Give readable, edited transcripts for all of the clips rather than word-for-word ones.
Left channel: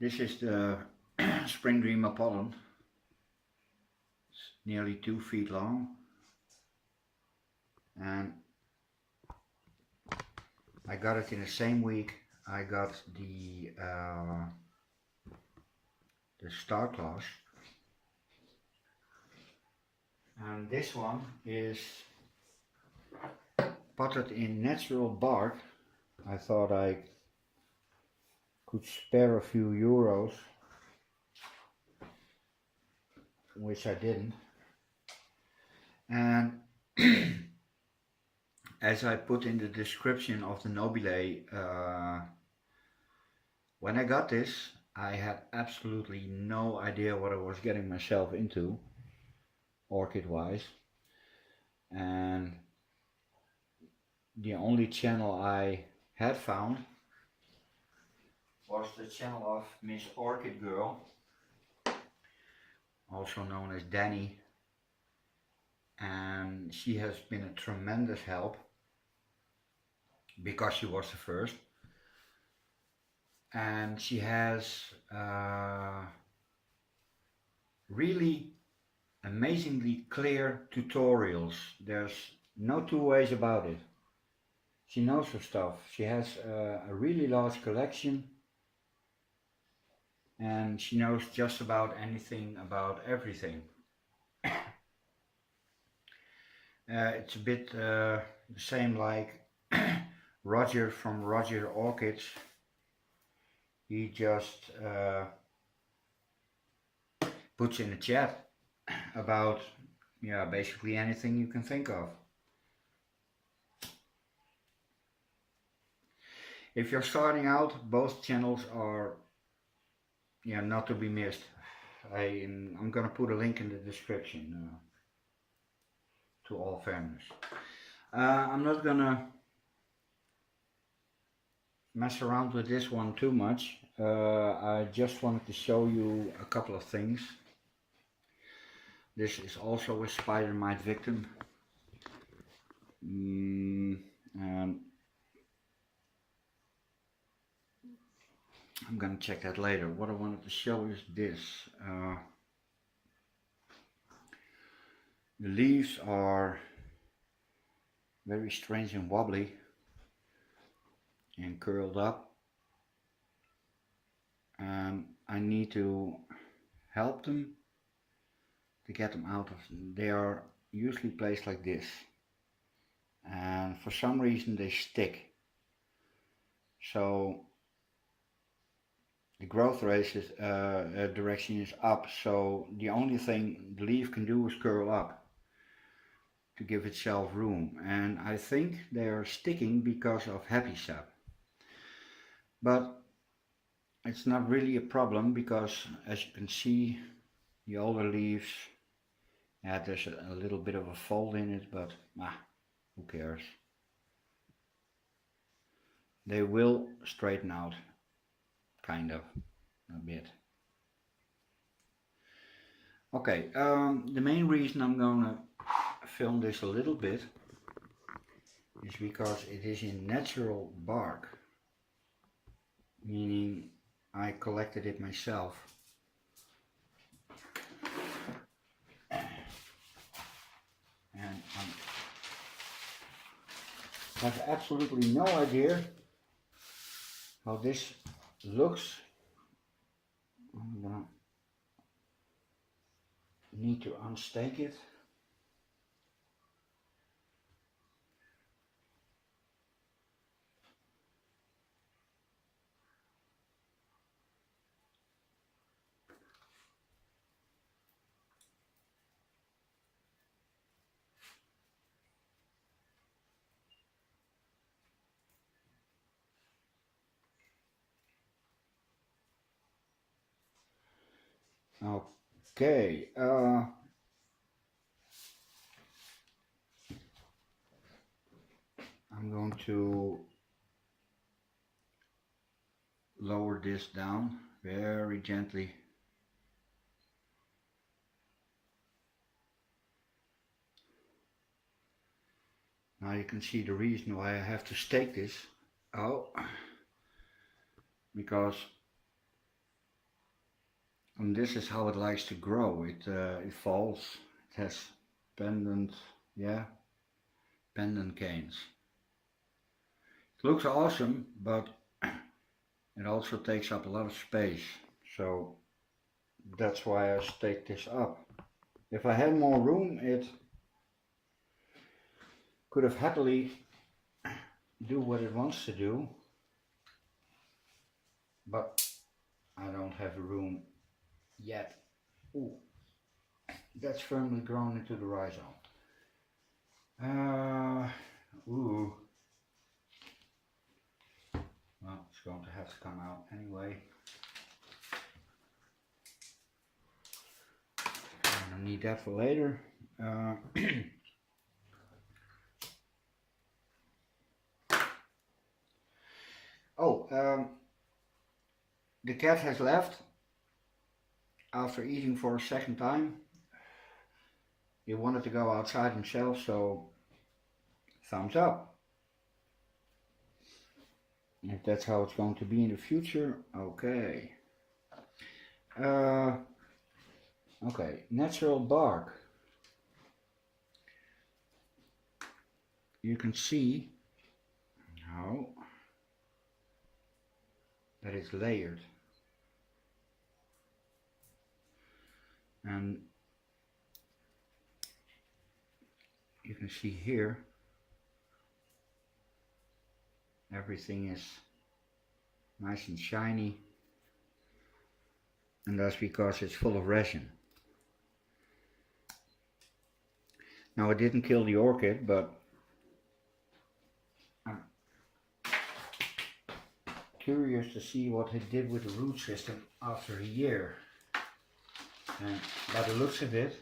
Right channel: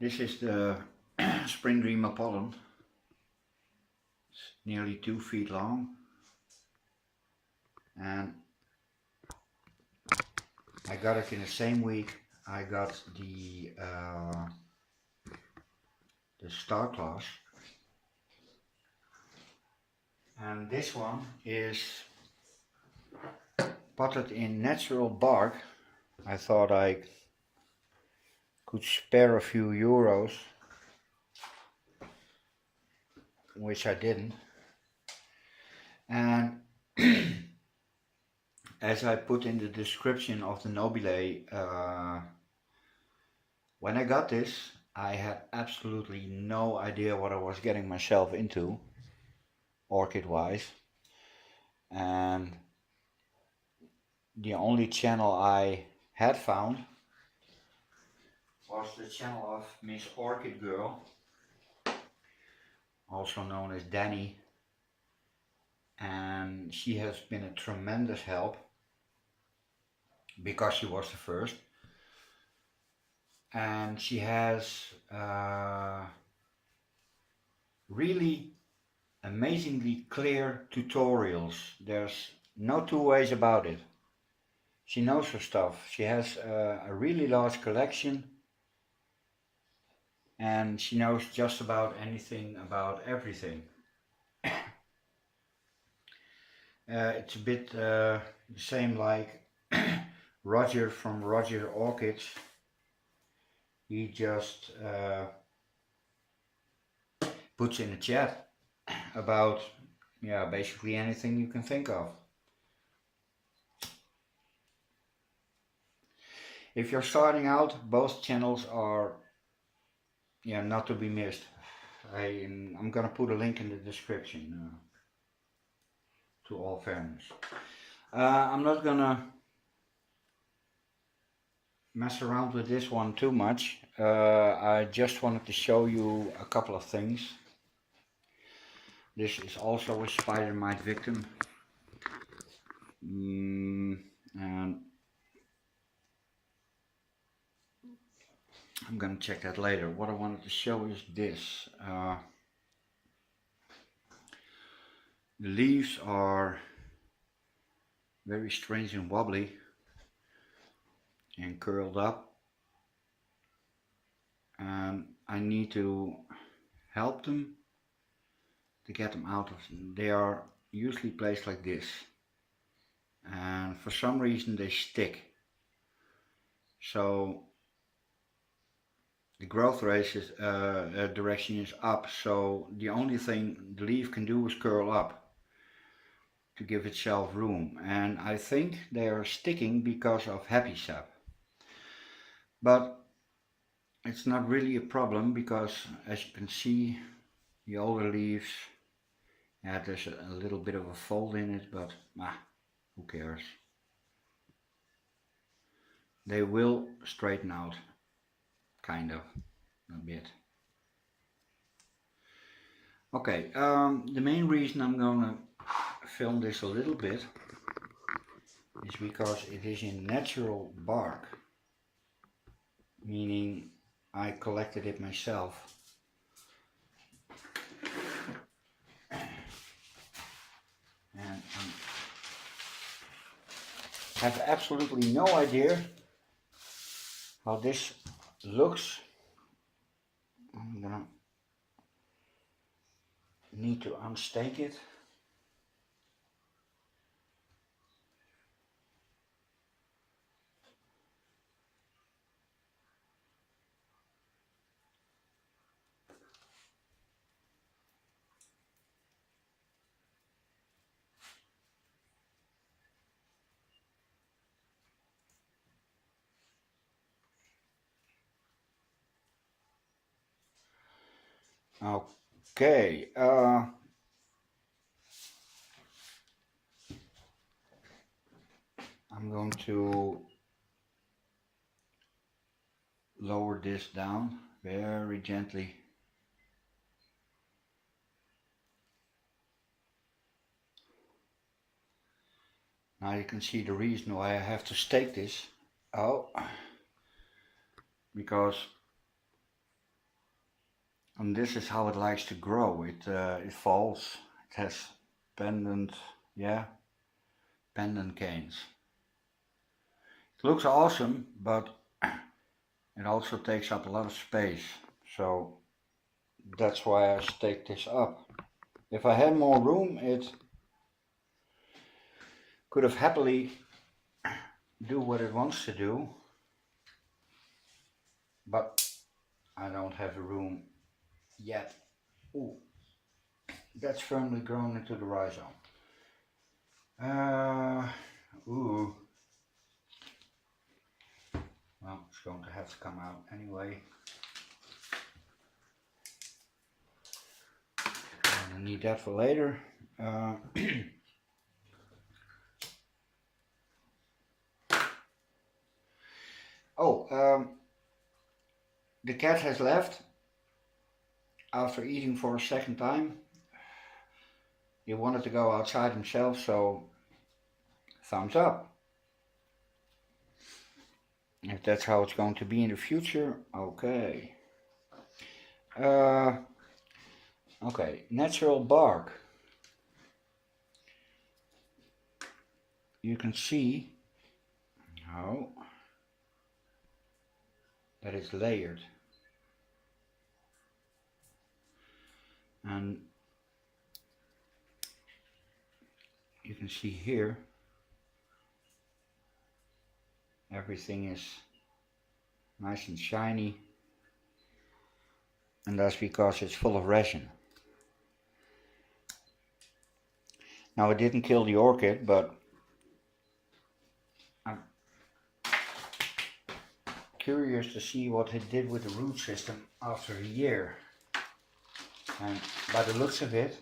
This is the Springdream Appolon. It's nearly 2 feet long, and I got it in the same week I got the Starclass, and this one is potted in natural bark. I thought I could spare a few euros, which I didn't. And as I put in the description of the Nobile, when I got this, I had absolutely no idea what I was getting myself into, orchid wise. And the only channel I had found was the channel of Miss Orchid Girl, also known as Danny, and she has been a tremendous help because she was the first, and she has really amazingly clear tutorials. There's no two ways about it. She knows her stuff. She has a really large collection, and she knows just about anything about everything. It's a bit the same like Roger from Roger Orchids. He just puts in a chat about basically anything you can think of. If you're starting out, both channels are not to be missed. I'm gonna put a link in the description, to all fairness. I'm not gonna mess around with this one too much. I just wanted to show you a couple of things. This is also a spider mite victim, and I'm gonna check that later. What I wanted to show is this. The leaves are very strange and wobbly and curled up, and I need to help them to get them out of. They are usually placed like this, and for some reason they stick. So the growth rate is, direction is up, so the only thing the leaf can do is curl up to give itself room, and I think they are sticking because of happy sap. But it's not really a problem because, as you can see, the older leaves, there's a little bit of a fold in it, but who cares? They will straighten out, kind of, a bit. Okay, the main reason I'm gonna film this a little bit is because it is in natural bark, meaning I collected it myself. And I have absolutely no idea how this looks. I'm gonna need to unstake it. Okay, I'm going to lower this down very gently. Now you can see the reason why I have to stake this. Because And this is how it likes to grow. It falls. It has pendant, yeah, pendant canes. It looks awesome, but it also takes up a lot of space. So that's why I staked this up. If I had more room, it could have happily do what it wants to do, but I don't have the room yet. Ooh, that's firmly grown into the rhizome. Ooh. Well, it's going to have to come out anyway. I'm gonna need that for later. The cat has left after eating for a second time. He wanted to go outside himself, so thumbs up. If that's how it's going to be in the future, okay. Okay, natural bark. You can see how that it's layered. And you can see here everything is nice and shiny, and that's because it's full of resin. Now, it didn't kill the orchid, but I'm curious to see what it did with the root system after a year. And by the looks of it,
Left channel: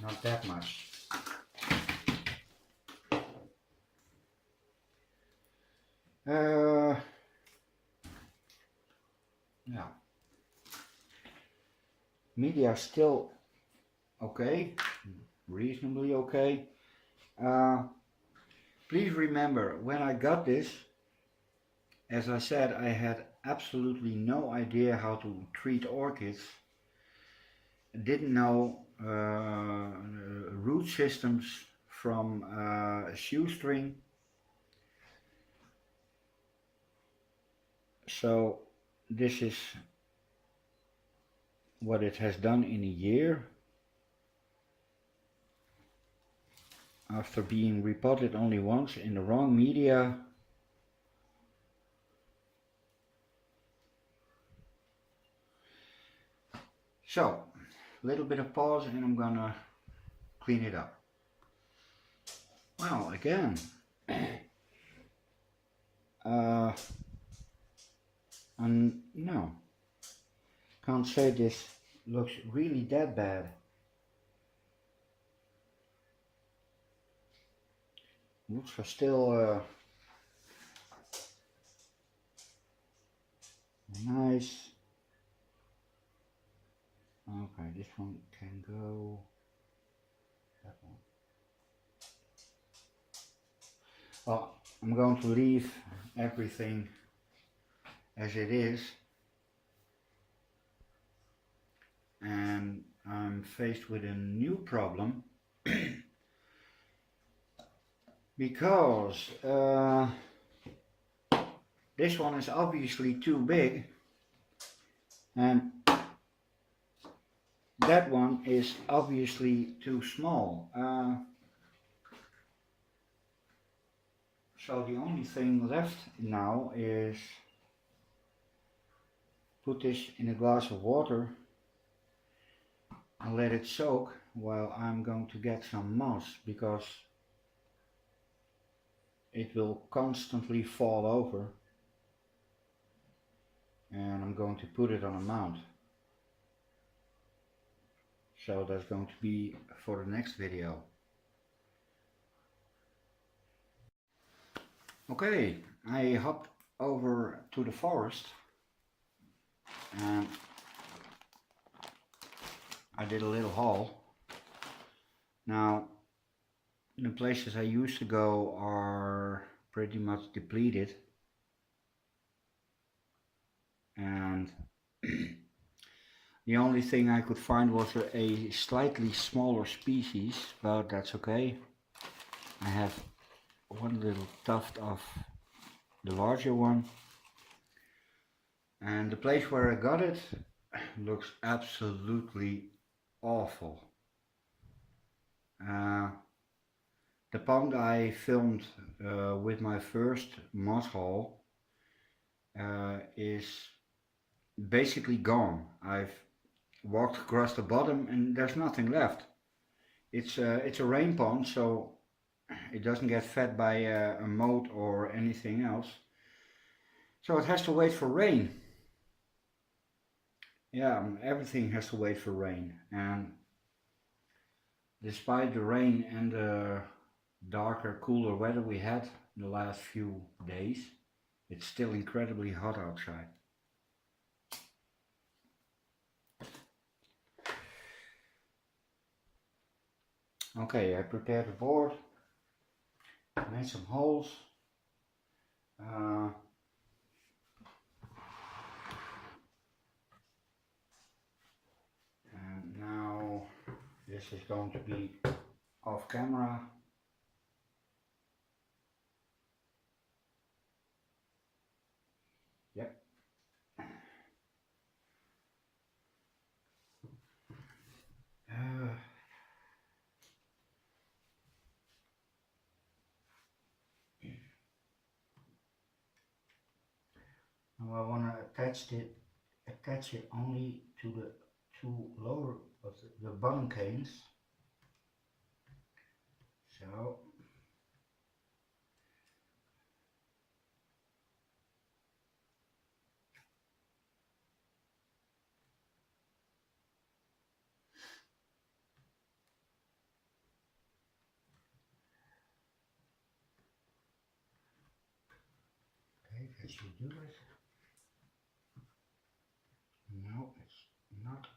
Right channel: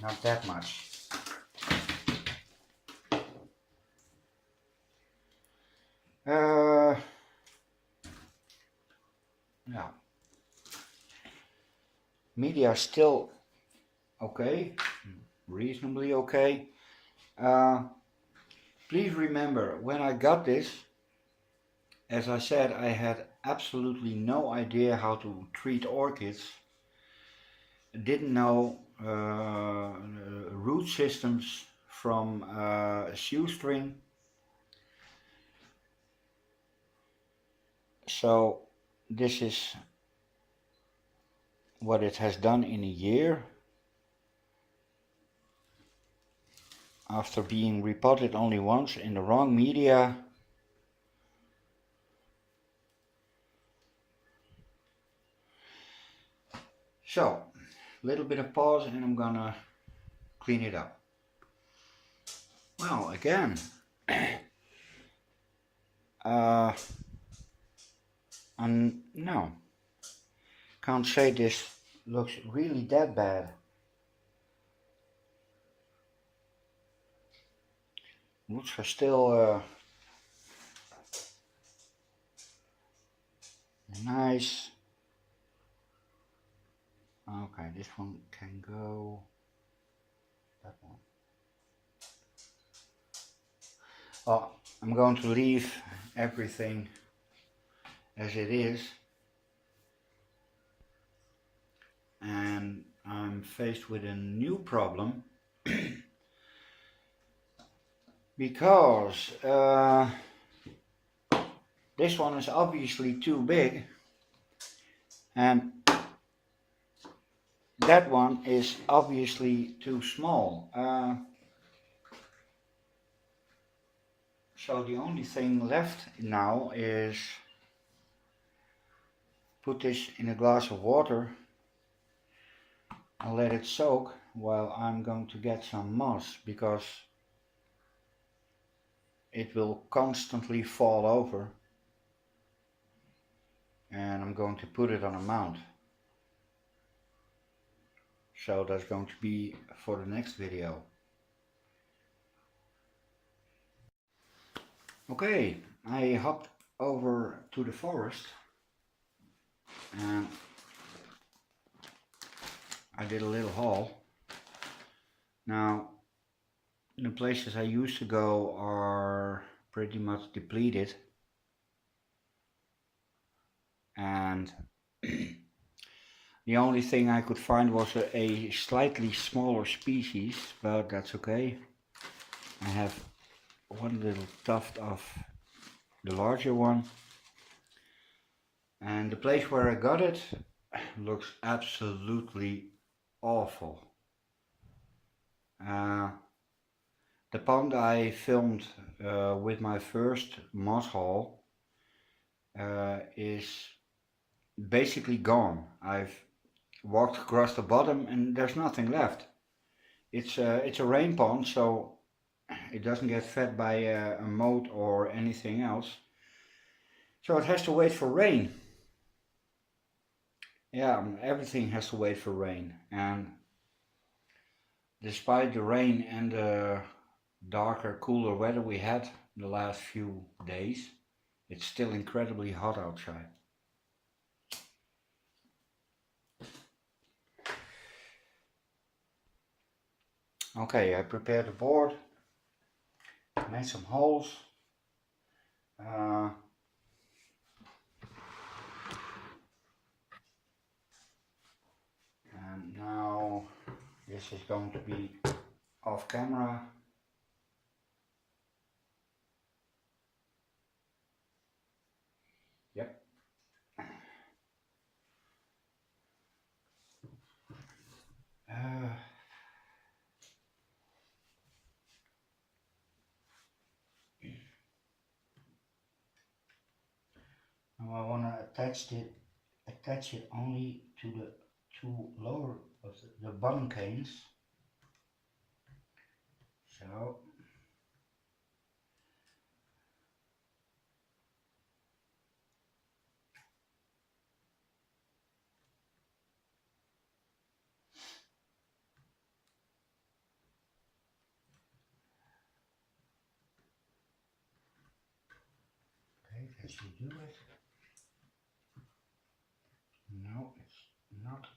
not that much. Yeah. Media is still okay, reasonably okay. Please remember, when I got this, as I said, I had absolutely no idea how to treat orchids. I didn't know root systems from a shoestring. So this is what it has done in a year after being repotted only once in the wrong media. So, a little bit of pause and I'm gonna clean it up. Well, again, no, can't say this looks really that bad. Roots are still nice. Okay, this one can go. That one. Well, I'm going to leave everything as it is, and I'm faced with a new problem because this one is obviously too big and that one is obviously too small. So the only thing left now is put this in a glass of water and let it soak while I'm going to get some moss, because it will constantly fall over, and I'm going to put it on a mount. So that's going to be for the next video. Okay, I hopped over to the forest and I did a little haul. Now, the places I used to go are pretty much depleted, and The only thing I could find was a slightly smaller species, but that's okay. I have one little tuft of the larger one, and the place where I got it looks absolutely awful. Uh, the pond I filmed with my first moss hole is basically gone. I've walked across the bottom and there's nothing left. It's a rain pond, so it doesn't get fed by a moat or anything else. So it has to wait for rain. Yeah, everything has to wait for rain. And despite the rain and the darker, cooler weather we had the last few days, it's still incredibly hot outside. Okay, I prepared the board, made some holes. Uh, and now this is going to be off camera. Yep. Now I want to attach it only to the two lower of the bottom canes. So okay, that should do it. No, it's not.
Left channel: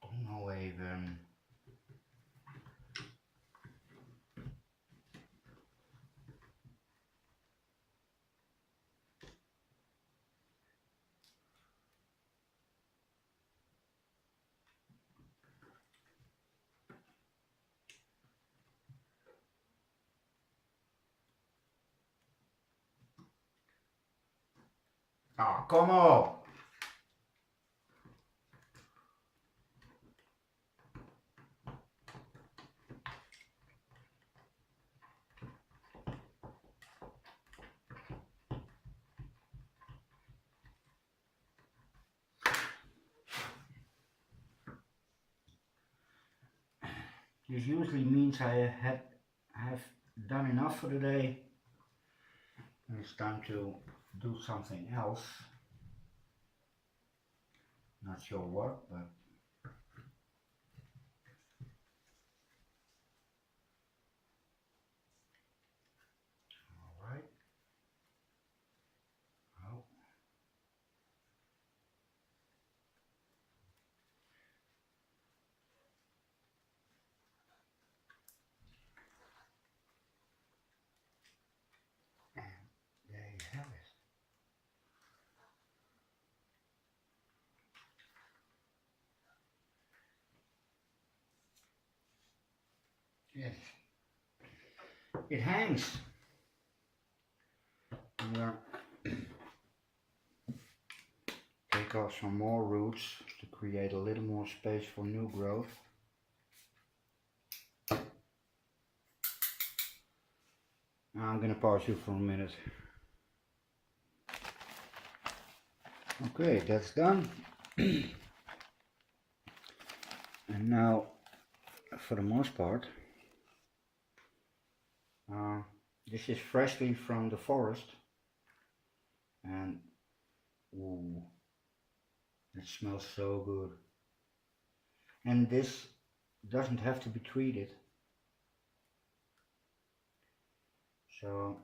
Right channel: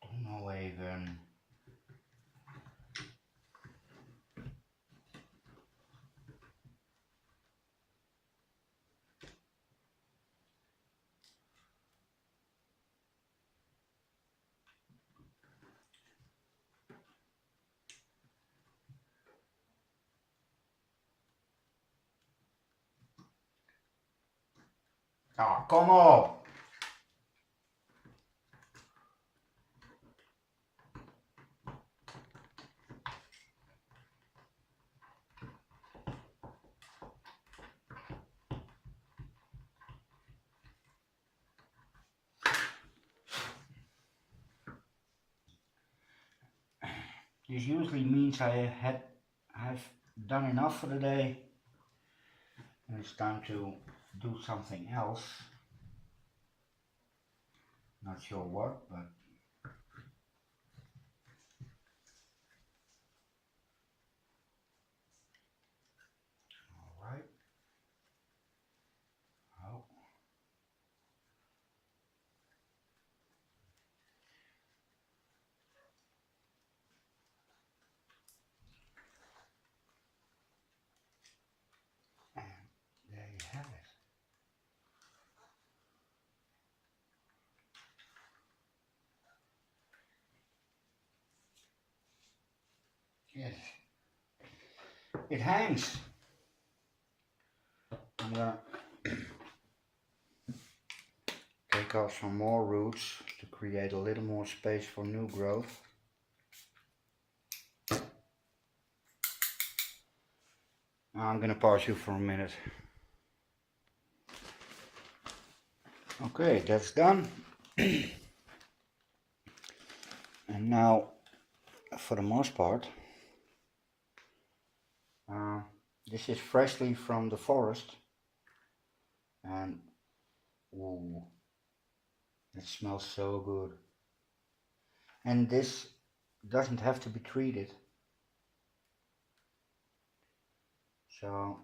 Don't know even. Oh, come on! This usually means I have done enough for the day, and it's time to do something else. Not sure what, but all right. Oh, and there you have it. Yes, it hangs. I'm gonna take off some more roots to create a little more space for new growth. I'm gonna pause you for a minute. Okay, that's done. And now, for the most part, this is freshly from the forest, and ooh, it smells so good. And this doesn't have to be treated, so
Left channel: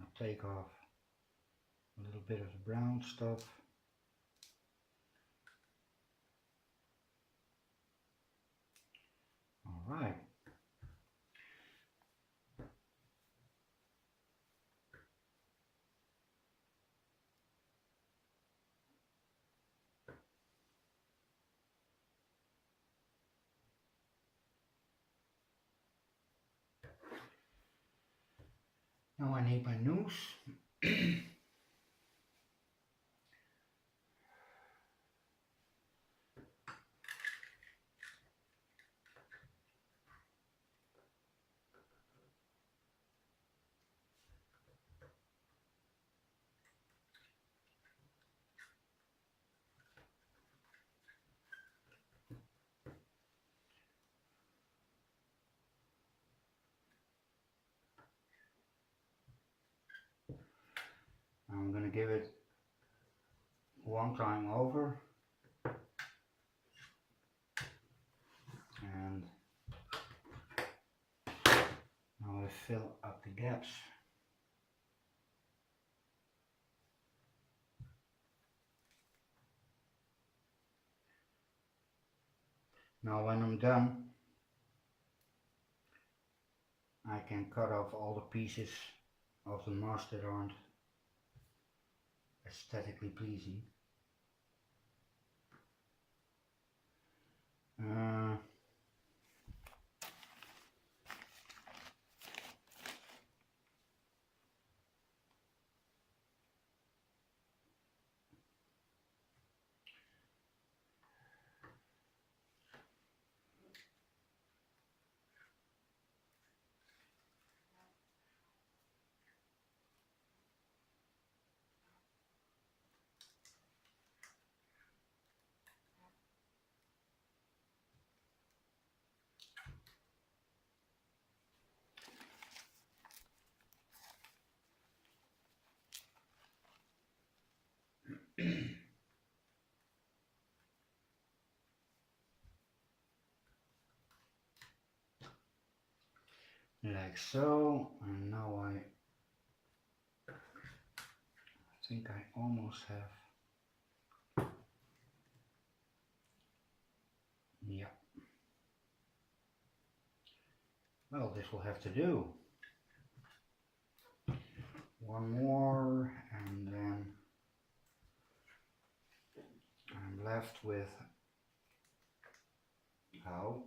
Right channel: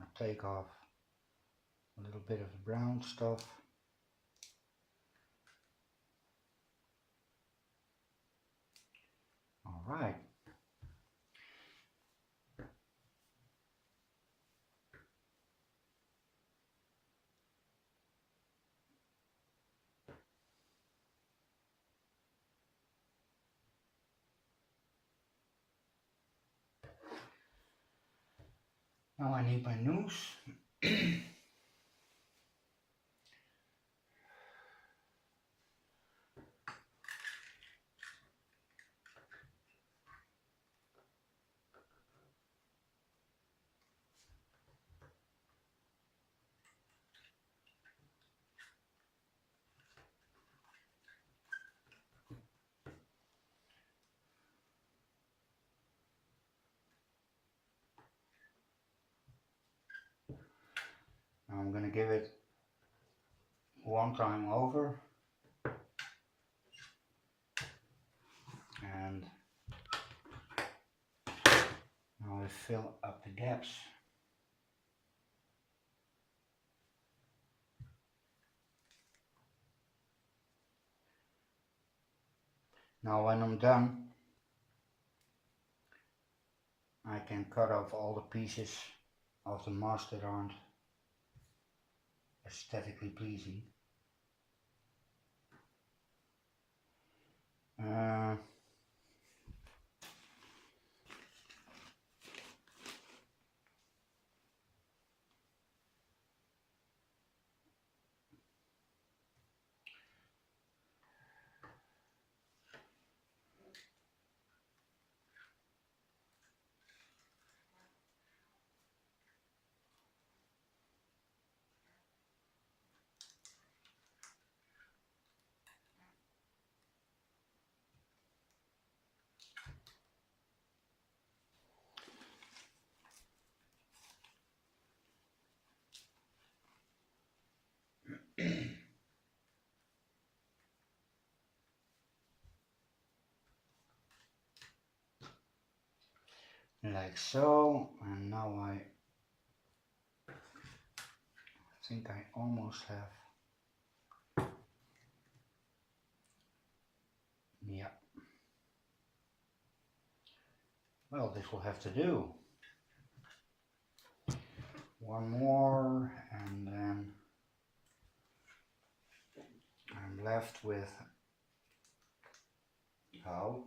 I'll take off a little bit of the brown stuff. All right. Now I need my noose. Now I'm going to give it one time over and now I fill up the gaps. Now when I'm done, I can cut off all the pieces of the moss that aren't aesthetically pleasing. Like so, and now I think I almost have, yeah, well, this will have to do. One more and then I'm left with, oh,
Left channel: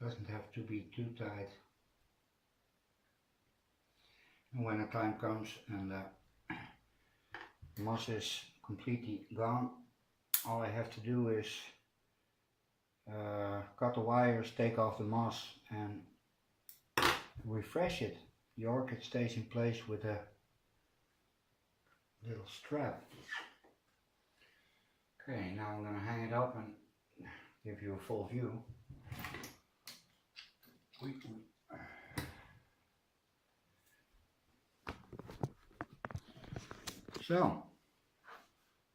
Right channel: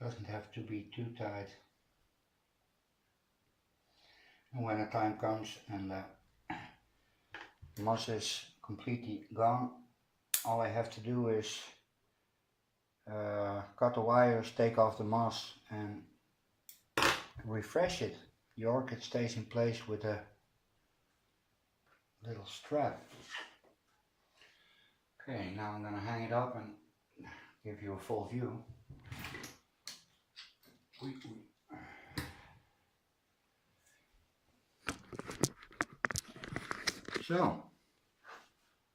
doesn't have to be too tight. And when the time comes and the moss is completely gone, all I have to do is cut the wires, take off the moss and refresh it. The orchid stays in place with a little strap. Okay, now I'm going to hang it up and give you a full view. So,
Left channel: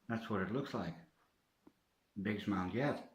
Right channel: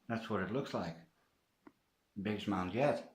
that's what it looks like. Biggest mound yet.